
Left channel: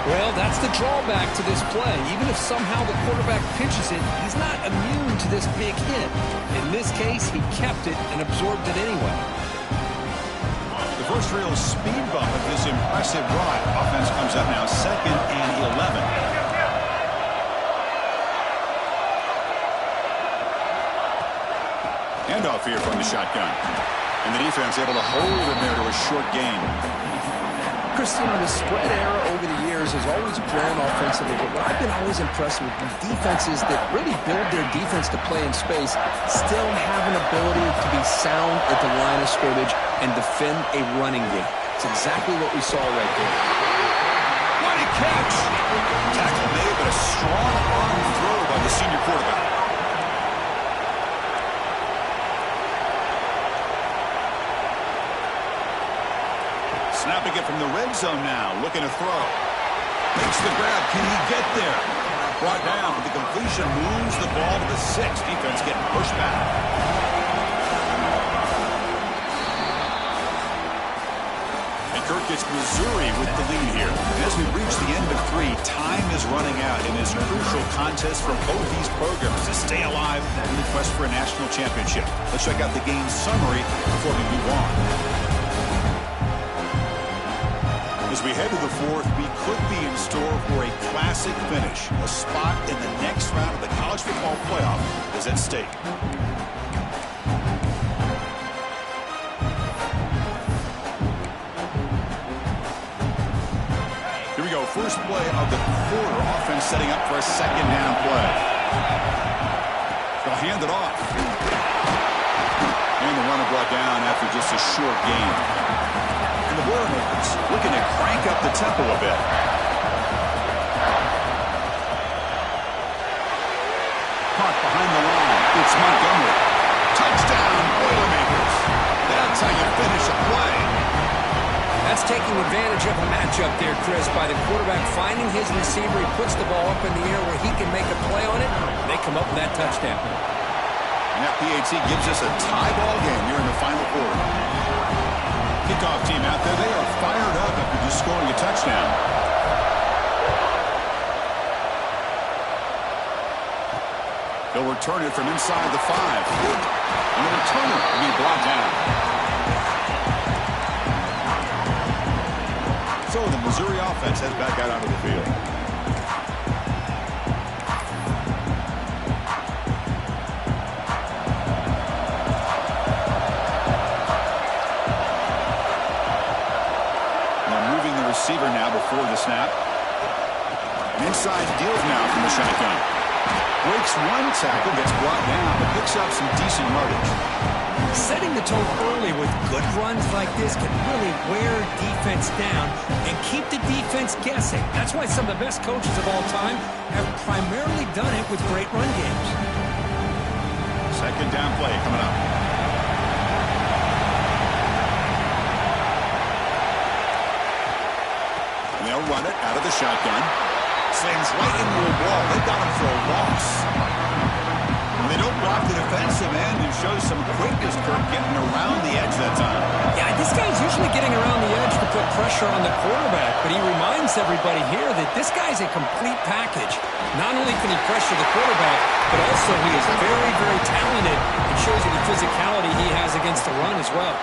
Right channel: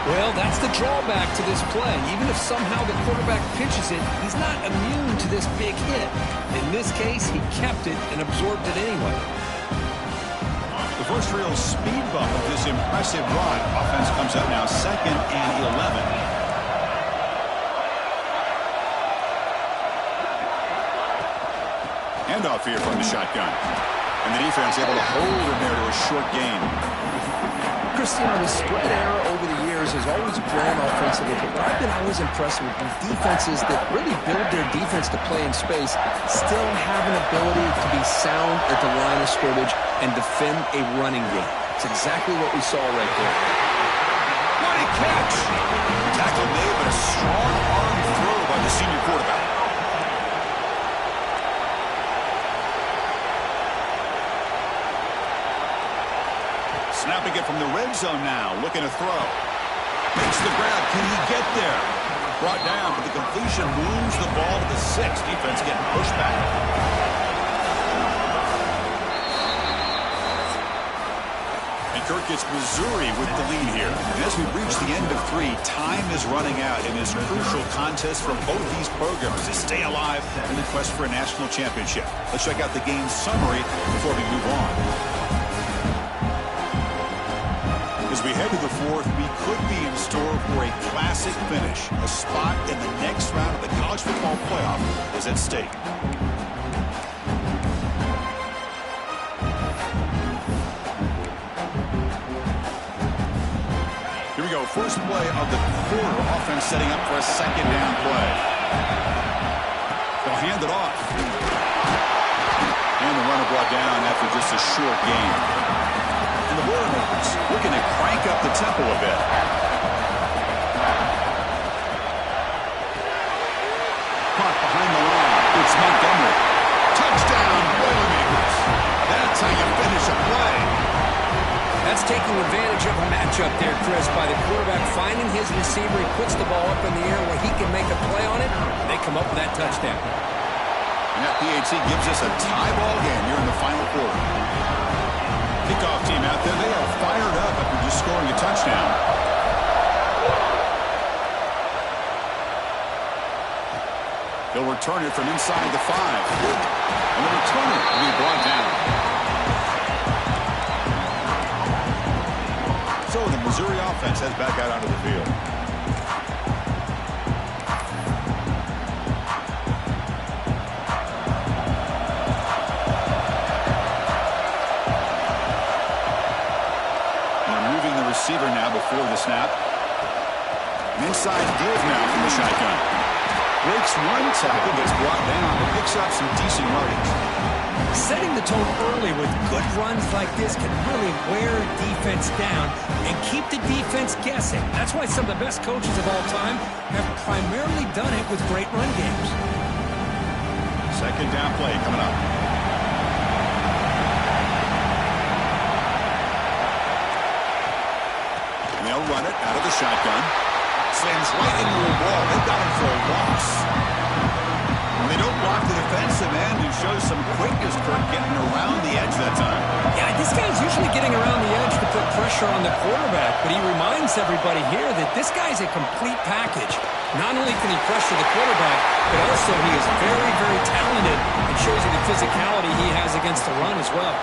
Well, that's the drawback to this play. Even if somehow the quarterback pitches it, he's not immune to this big hit. In this case, he kept it and absorbed it anyway. The first real speed bump of this impressive drive. Offense comes up now 2nd and 11. Handoff here from the shotgun. And the defense able to hold him there to a short gain. Chris, you know, the spread era over the years has always grown offensively, but what I've been always impressed with defenses that really build their defense to play in space still have an ability to be sound at the line of scrimmage and defend a running game. It's exactly what we saw right there. What a catch! Tackle made, but a strong arm throw by the senior quarterback. Snapping it from the red zone now, looking to throw. Makes the grab. Can he get there? Brought down, but the completion moves the ball to the 6. Defense getting pushed back. And Kirk gets Missouri with the lead here. And as we reach the end of 3, time is running out in this crucial contest for both these programs to stay alive in the quest for a national championship. Let's check out the game summary before we move on. As we head to the 4th, we could be in store for a classic finish. A spot in the next round of the college football playoff is at stake. Here we go. First play of the quarter. Offense setting up for a 2nd down play. They'll hand it off. And the runner brought down after just a short gain. And the Boilermakers looking to crank up the tempo a bit. Caught behind the line. It's Montgomery. Touchdown, Boilermakers. That's how you finish a play. That's taking advantage of a matchup there, Chris, by the quarterback finding his receiver. He puts the ball up in the air where he can make a play on it. They come up with that touchdown. And that PAT gives us a tie ball game here in the final quarter. Kickoff team out there, they are fired up after just scoring a touchdown. They'll return it from inside the 5. And the returner will be brought down. So the Missouri offense heads back out onto the field. Receiver now before the snap. An inside deals now from the shotgun. Breaks one tackle, gets brought down, but picks up some decent yardage. Setting the tone early with good runs like this can really wear defense down and keep the defense guessing. That's why some of the best coaches of all time have primarily done it with great run games. 2nd down play coming up. They'll run it out of the shotgun. Slams right into a wall. They've got him for a loss. And they don't block the defensive end, who shows some quickness, Kirk, getting around the edge that time. Yeah, this guy's usually getting around the edge to put pressure on the quarterback, but he reminds everybody here that this guy's a complete package. Not only can he pressure the quarterback, but also he is very, very talented and shows you the physicality he has against the run as well.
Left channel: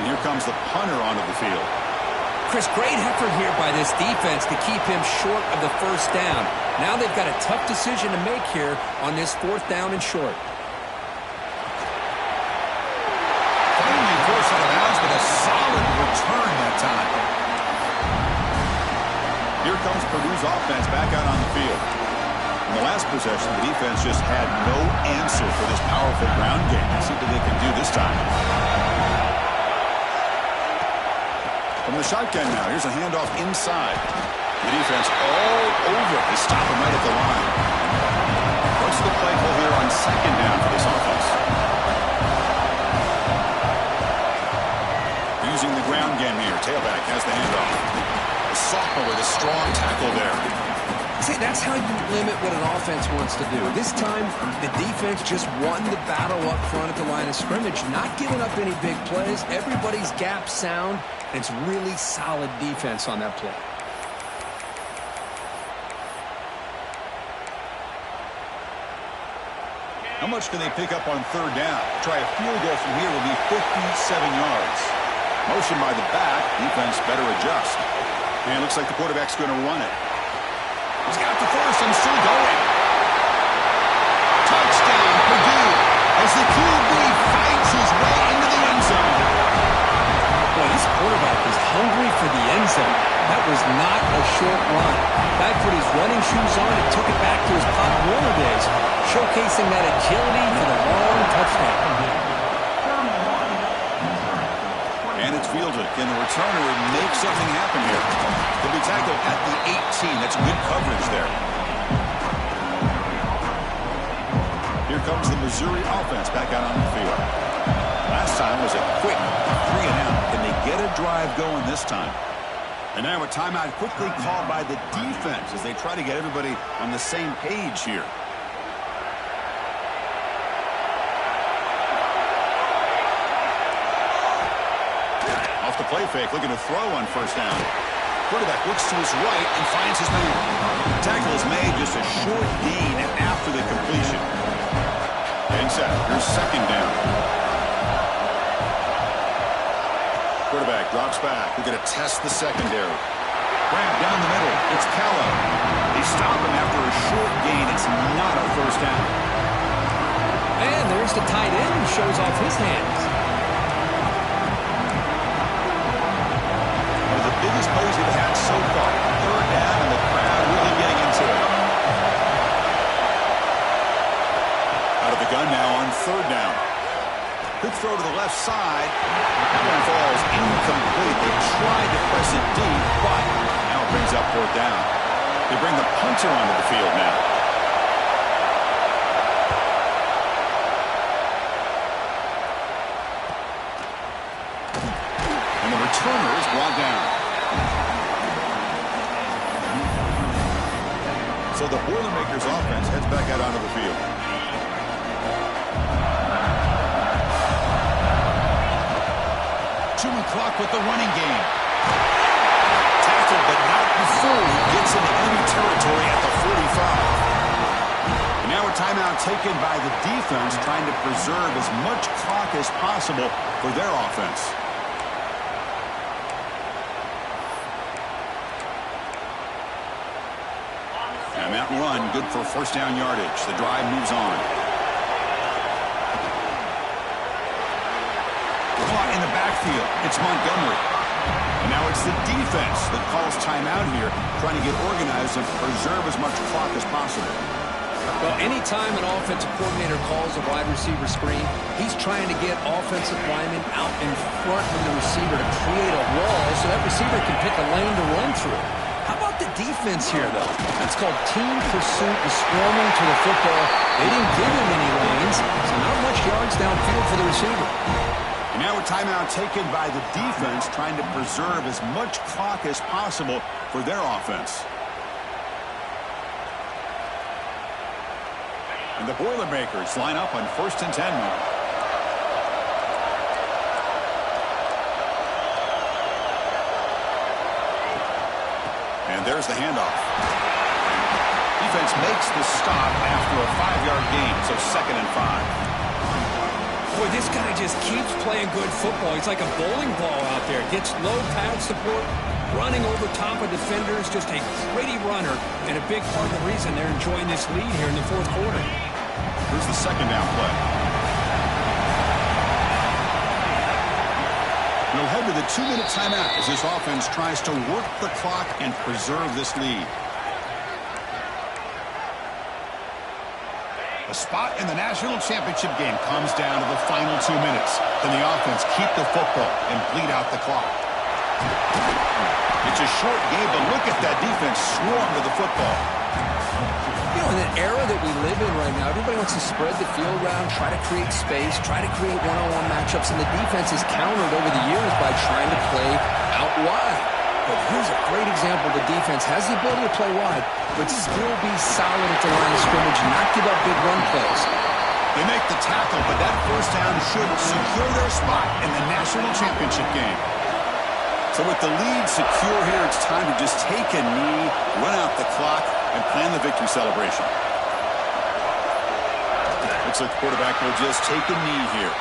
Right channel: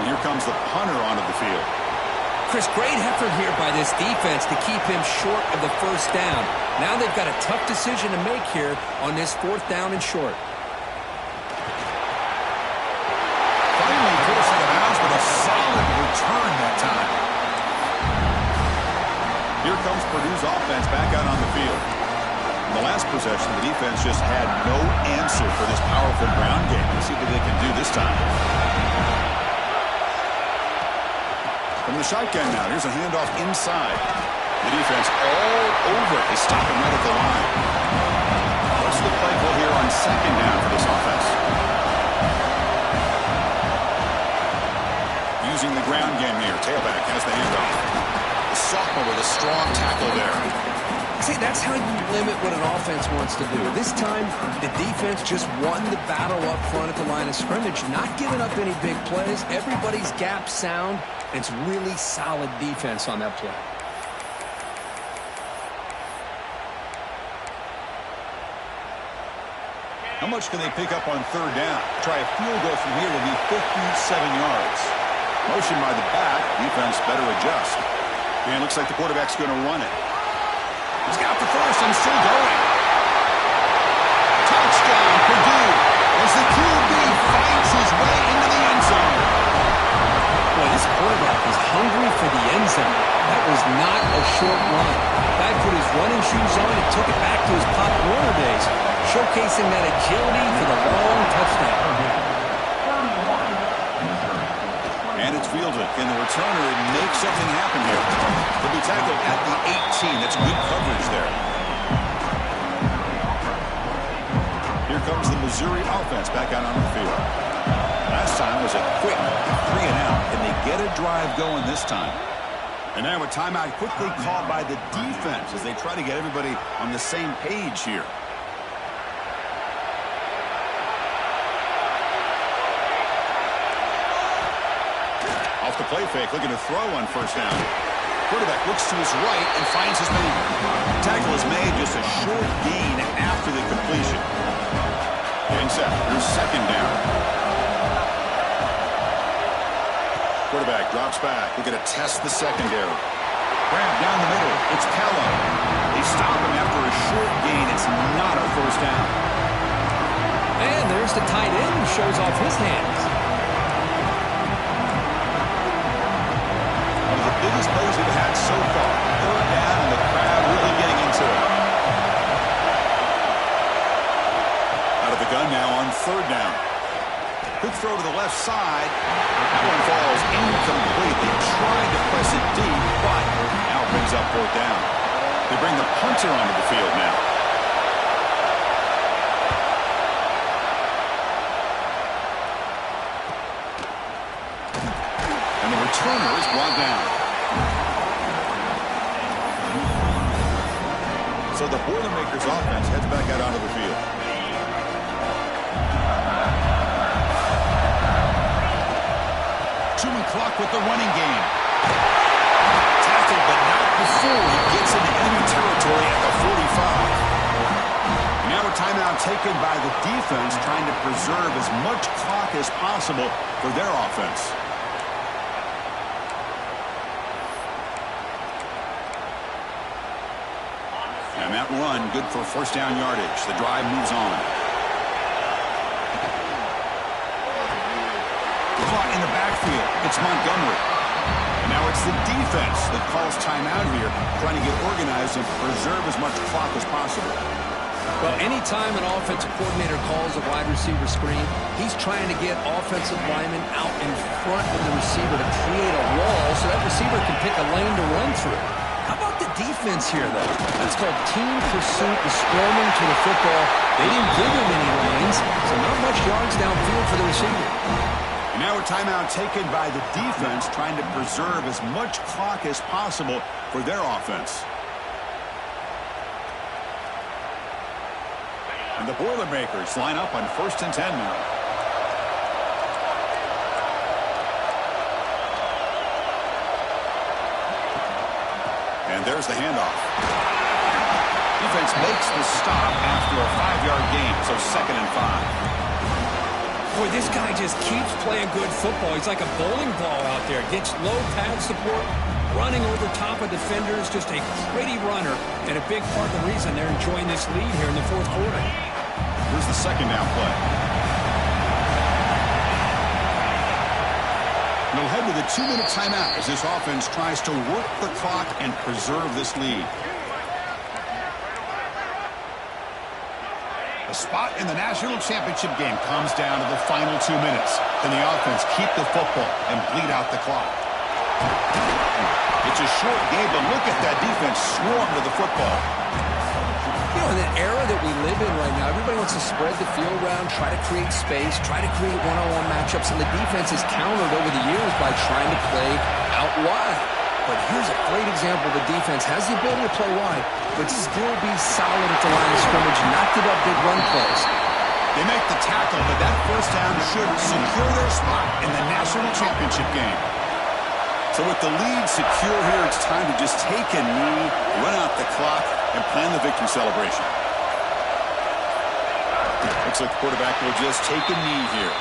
And here comes the punter onto the field. Chris, great effort here by this defense to keep him short of the 1st down. Now they've got a tough decision to make here on this 4th down and short. Finally forced out of bounds, but a solid return that time. Here comes Purdue's offense back out on the field. In the last possession, the defense just had no answer for this powerful ground game. Let's see what they can do this time. From the shotgun now, here's a handoff inside. The defense all over it. They stop him right at the line. What's the play call here on 2nd down for this offense? Using the ground game here. Tailback has the handoff. The sophomore with a strong tackle there. See, that's how you limit what an offense wants to do. This time, the defense just won the battle up front at the line of scrimmage, not giving up any big plays. Everybody's gap sound. It's really solid defense on that play. How much can they pick up on third down? Try a field goal from here will be 57 yards. Motion by the back. Defense better adjust. And looks like the quarterback's going to run it. He's got the first and still going. Touchdown, Purdue, as the QB fights his way into the end zone. Boy, this quarterback is hungry for the end zone. That was not a short run. Guy put his running shoes on and took it back to his Pop Warner days, showcasing that agility for the long touchdown. And it's fielded. Can the returner make something happen here? He'll be tackled at the 18. That's good coverage there. Here comes the Missouri offense back out on the field. Last time was a quick 3-and-out. Can they get a drive going this time? And now a timeout quickly called by the defense as they try to get everybody on the same page here. Off the play fake, looking to throw on first down. Quarterback looks to his right and finds his man. Tackle is made, just a short gain after the completion. Getting set. Here's second down. Quarterback drops back. We're going to test the secondary. Grab down the middle. It's Kello. They stop him after a short gain. It's not a first down. And there's the tight end who shows off his hands. One of the biggest plays we've had so far. Third down and the crowd really getting into it. Out of the gun now on third down. Quick throw to the left side. That one falls incomplete. They tried to press it deep, but now it brings up fourth down. They bring the punter onto the field now. And the returner is brought down. So the Boilermakers offense heads back out onto the field. Clock with the running game. Tackled, but not before he gets into enemy territory at the 45. And now a timeout taken by the defense, trying to preserve as much clock as possible for their offense. And that run, good for first down yardage. The drive moves on. Caught in the backfield. It's Montgomery. And now it's the defense that calls timeout here, trying to get organized and preserve as much clock as possible. Well, anytime an offensive coordinator calls a wide receiver screen, he's trying to get offensive linemen out in front of the receiver to create a wall so that receiver can pick a lane to run through. How about the defense here, though? That's called team pursuit and swarming to the football. They didn't give him any lanes, so not much yards downfield for the receiver. And now a timeout taken by the defense, trying to preserve as much clock as possible for their offense. And the Boilermakers line up on 1st and 10 now. And there's the handoff. Defense makes the stop after a 5-yard gain, so 2nd and 5. Boy, this guy just keeps playing good football. He's like a bowling ball out there. Gets low pad support, running over top of defenders. Just a gritty runner, and a big part of the reason they're enjoying this lead here in the 4th quarter. Here's the second down play. We'll head to the 2-minute timeout as this offense tries to work the clock and preserve this lead. A spot in the national championship game comes down to the final 2 minutes. Can the offense keep the football and bleed out the clock? It's a short game, but look at that defense swarm to the football. You know, in the era that we live in right now, everybody wants to spread the field around, try to create space, try to create one-on-one matchups, and the defense is countered over the years by trying to play out wide. But here's a great example. The defense has the ability to play wide, but still be solid at the line of scrimmage, not give up big run plays. They make the tackle, but that first down should secure their spot in the national championship game. So with the lead secure here, it's time to just take a knee, run out the clock, and plan the victory celebration. Looks like the quarterback will just take a knee here.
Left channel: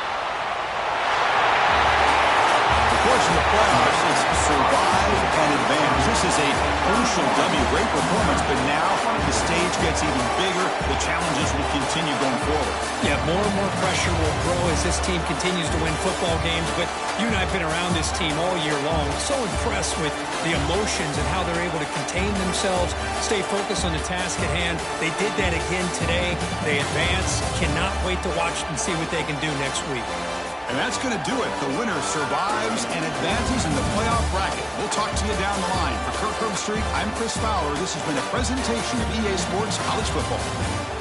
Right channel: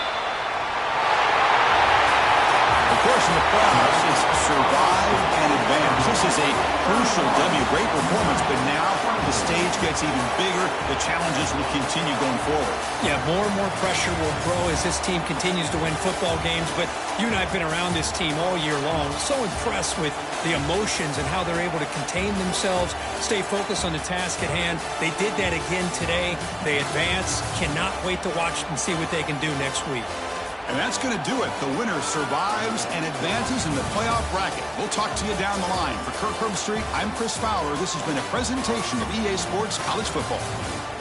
Of course, in the playoffs, it's survive and advance. This is a crucial W. Great performance, but now the stage gets even bigger. The challenges will continue going forward. Yeah, more and more pressure will grow as this team continues to win football games. But you and I have been around this team all year long. So impressed with the emotions and how they're able to contain themselves, stay focused on the task at hand. They did that again today. They advance. Cannot wait to watch and see what they can do next week. And that's going to do it. The winner survives and advances in the playoff bracket. We'll talk to you down the line. For Kirk Herbstreit, I'm Chris Fowler. This has been a presentation of EA Sports College Football.